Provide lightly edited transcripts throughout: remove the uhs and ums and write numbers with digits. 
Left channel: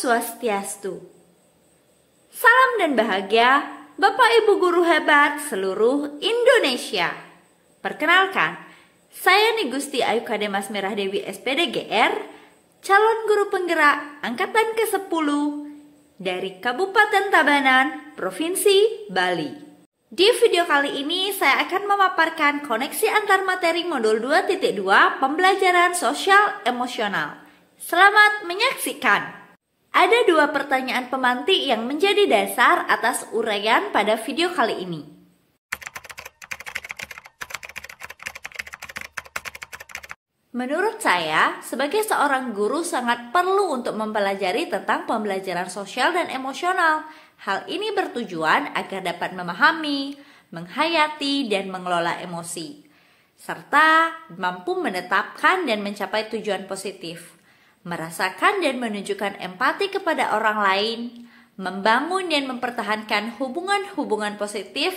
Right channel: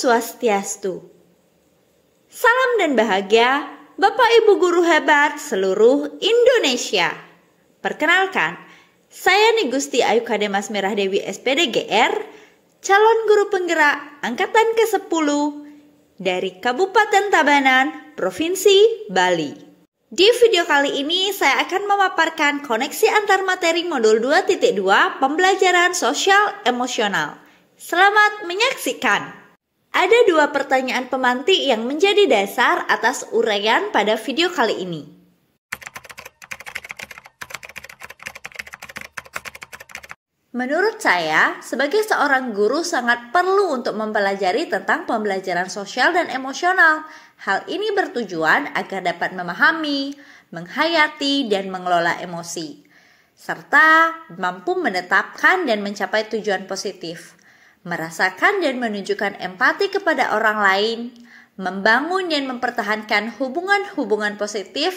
Swastiastu. Salam dan bahagia Bapak Ibu guru hebat seluruh Indonesia. Perkenalkan, saya Nigusti Ayu Kademas Merah Dewi SPD GR, calon guru penggerak angkatan ke-10 dari Kabupaten Tabanan, Provinsi Bali. Di video kali ini saya akan memaparkan koneksi antar materi modul 2.2 pembelajaran sosial emosional. Selamat menyaksikan. Ada dua pertanyaan pemantik yang menjadi dasar atas uraian pada video kali ini. Menurut saya, sebagai seorang guru sangat perlu untuk mempelajari tentang pembelajaran sosial dan emosional. Hal ini bertujuan agar dapat memahami, menghayati, dan mengelola emosi, serta mampu menetapkan dan mencapai tujuan positif. Merasakan dan menunjukkan empati kepada orang lain, membangun dan mempertahankan hubungan-hubungan positif,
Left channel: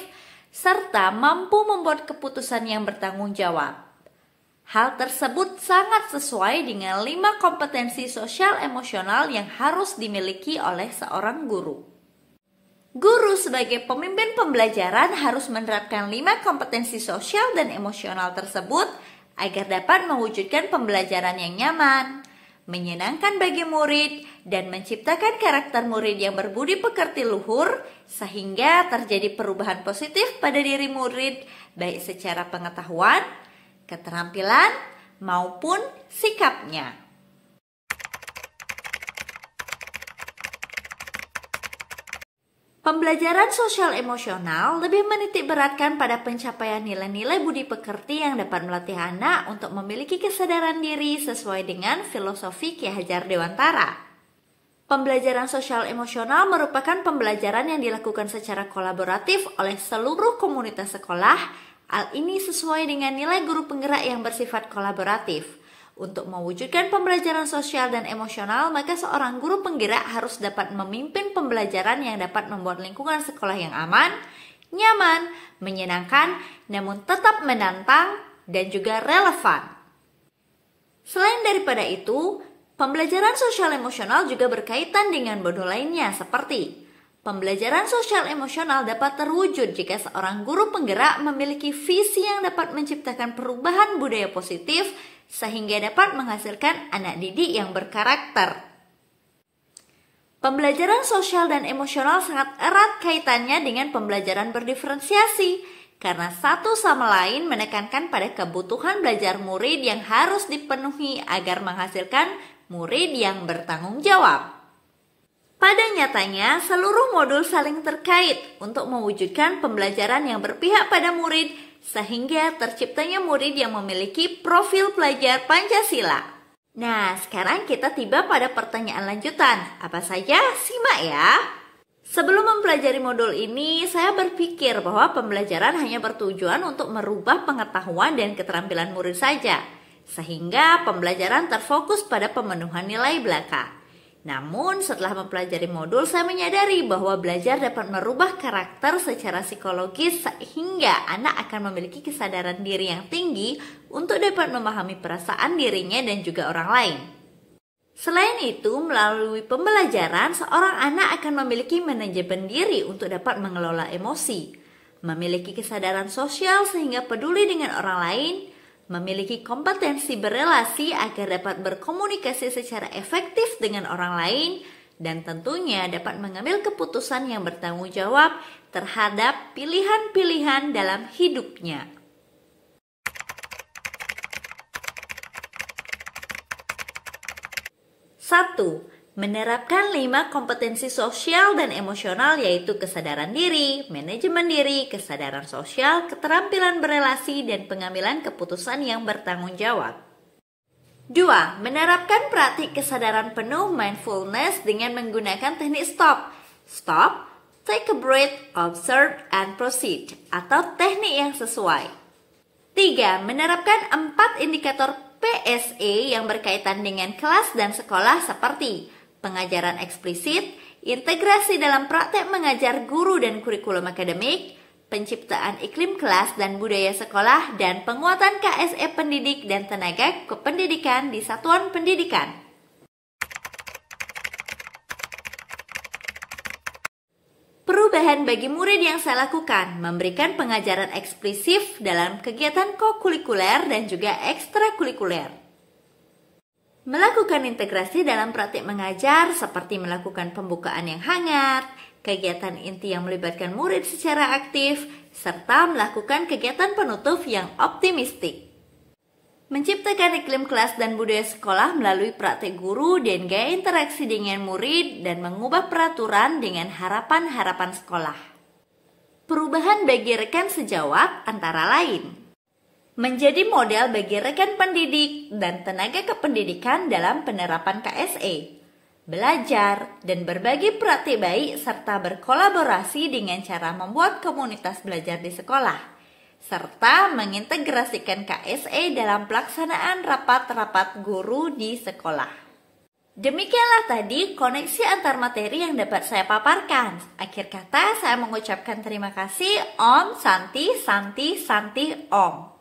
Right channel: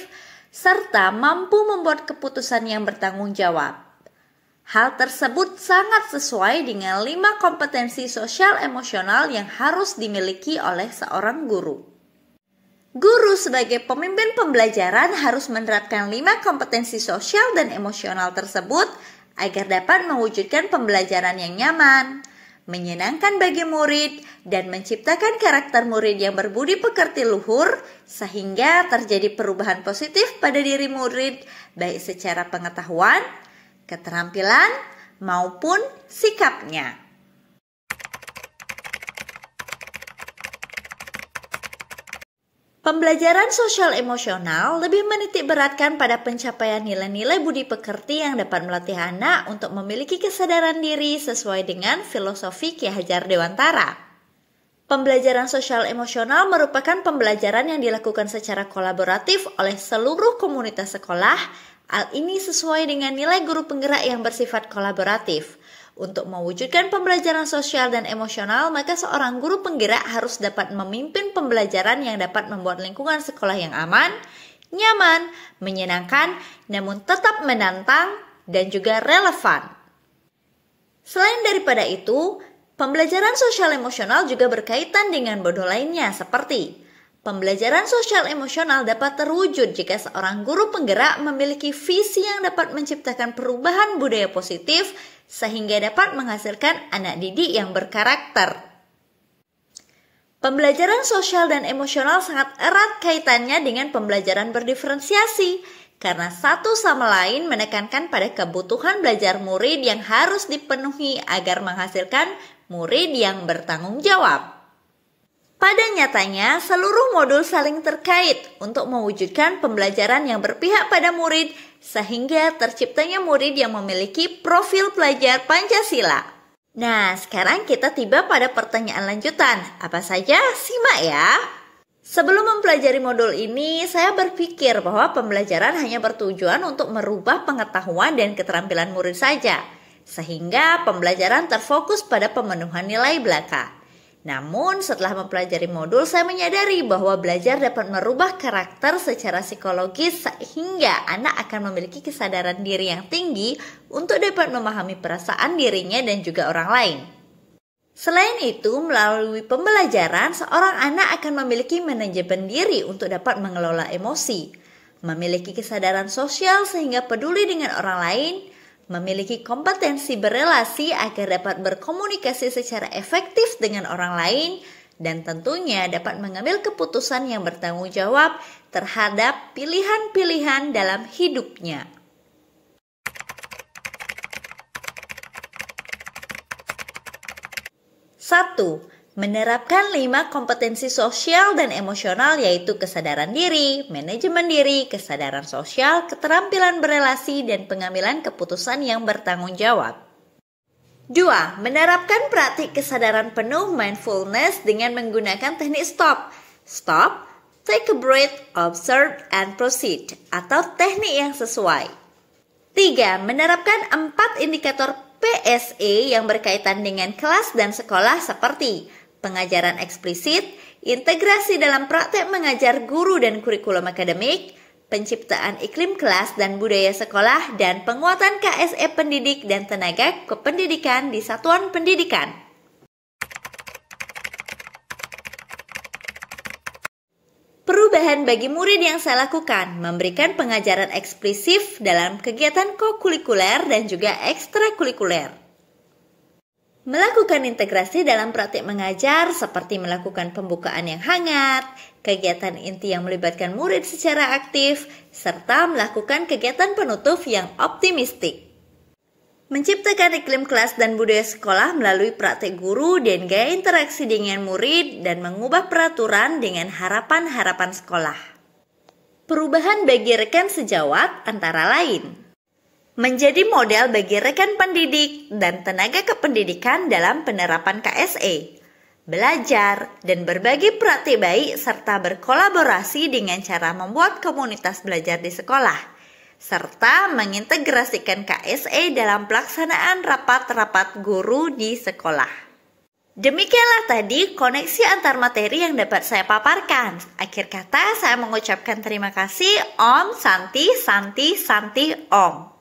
serta mampu membuat keputusan yang bertanggung jawab. Hal tersebut sangat sesuai dengan 5 kompetensi sosial emosional yang harus dimiliki oleh seorang guru. Guru sebagai pemimpin pembelajaran harus menerapkan 5 kompetensi sosial dan emosional tersebut agar dapat mewujudkan pembelajaran yang nyaman, menyenangkan bagi murid, dan menciptakan karakter murid yang berbudi pekerti luhur sehingga terjadi perubahan positif pada diri murid baik secara pengetahuan, keterampilan, maupun sikapnya. Pembelajaran sosial emosional lebih menitik beratkan pada pencapaian nilai-nilai budi pekerti yang dapat melatih anak untuk memiliki kesadaran diri sesuai dengan filosofi Ki Hajar Dewantara. Pembelajaran sosial emosional merupakan pembelajaran yang dilakukan secara kolaboratif oleh seluruh komunitas sekolah. Hal ini sesuai dengan nilai guru penggerak yang bersifat kolaboratif. Untuk mewujudkan pembelajaran sosial dan emosional, maka seorang guru penggerak harus dapat memimpin pembelajaran yang dapat membuat lingkungan sekolah yang aman, nyaman, menyenangkan, namun tetap menantang dan juga relevan. Selain daripada itu, pembelajaran sosial emosional juga berkaitan dengan modul lainnya seperti pembelajaran sosial emosional dapat terwujud jika seorang guru penggerak memiliki visi yang dapat menciptakan perubahan budaya positif sehingga dapat menghasilkan anak didik yang berkarakter. Pembelajaran sosial dan emosional sangat erat kaitannya dengan pembelajaran berdiferensiasi, karena satu sama lain menekankan pada kebutuhan belajar murid yang harus dipenuhi agar menghasilkan murid yang bertanggung jawab. Pada nyatanya, seluruh modul saling terkait untuk mewujudkan pembelajaran yang berpihak pada murid sehingga terciptanya murid yang memiliki profil pelajar Pancasila. Nah, sekarang kita tiba pada pertanyaan lanjutan. Apa saja? Simak ya. Sebelum mempelajari modul ini, saya berpikir bahwa pembelajaran hanya bertujuan untuk merubah pengetahuan dan keterampilan murid saja, sehingga pembelajaran terfokus pada pemenuhan nilai belaka. Namun setelah mempelajari modul, saya menyadari bahwa belajar dapat merubah karakter secara psikologis sehingga anak akan memiliki kesadaran diri yang tinggi untuk dapat memahami perasaan dirinya dan juga orang lain. Selain itu, melalui pembelajaran, seorang anak akan memiliki manajemen diri untuk dapat mengelola emosi, memiliki kesadaran sosial sehingga peduli dengan orang lain, memiliki kompetensi berelasi agar dapat berkomunikasi secara efektif dengan orang lain, dan tentunya dapat mengambil keputusan yang bertanggung jawab terhadap pilihan-pilihan dalam hidupnya. Satu, menerapkan 5 kompetensi sosial dan emosional yaitu kesadaran diri, manajemen diri, kesadaran sosial, keterampilan berelasi, dan pengambilan keputusan yang bertanggung jawab. 2. Menerapkan praktik kesadaran penuh mindfulness dengan menggunakan teknik STOP. Stop, take a breath, observe, and proceed, atau teknik yang sesuai. 3. Menerapkan 4 indikator PSE yang berkaitan dengan kelas dan sekolah seperti pengajaran eksplisit, integrasi dalam praktek mengajar guru dan kurikulum akademik, penciptaan iklim kelas dan budaya sekolah, dan penguatan KSE pendidik dan tenaga kependidikan di satuan pendidikan. perubahan bagi murid yang saya lakukan memberikan pengajaran eksplisif dalam kegiatan kokurikuler dan juga ekstrakurikuler. Melakukan integrasi dalam praktik mengajar seperti melakukan pembukaan yang hangat, kegiatan inti yang melibatkan murid secara aktif, serta melakukan kegiatan penutup yang optimistik. Menciptakan iklim kelas dan budaya sekolah melalui praktik guru dan gaya interaksi dengan murid dan mengubah peraturan dengan harapan-harapan sekolah. Perubahan bagi rekan sejawat antara lain: menjadi model bagi rekan pendidik dan tenaga kependidikan dalam penerapan KSE, belajar dan berbagi praktik baik serta berkolaborasi dengan cara membuat komunitas belajar di sekolah, serta mengintegrasikan KSE dalam pelaksanaan rapat-rapat guru di sekolah. Demikianlah tadi koneksi antar materi yang dapat saya paparkan. Akhir kata saya mengucapkan terima kasih. Om Santi Santi Santi Om.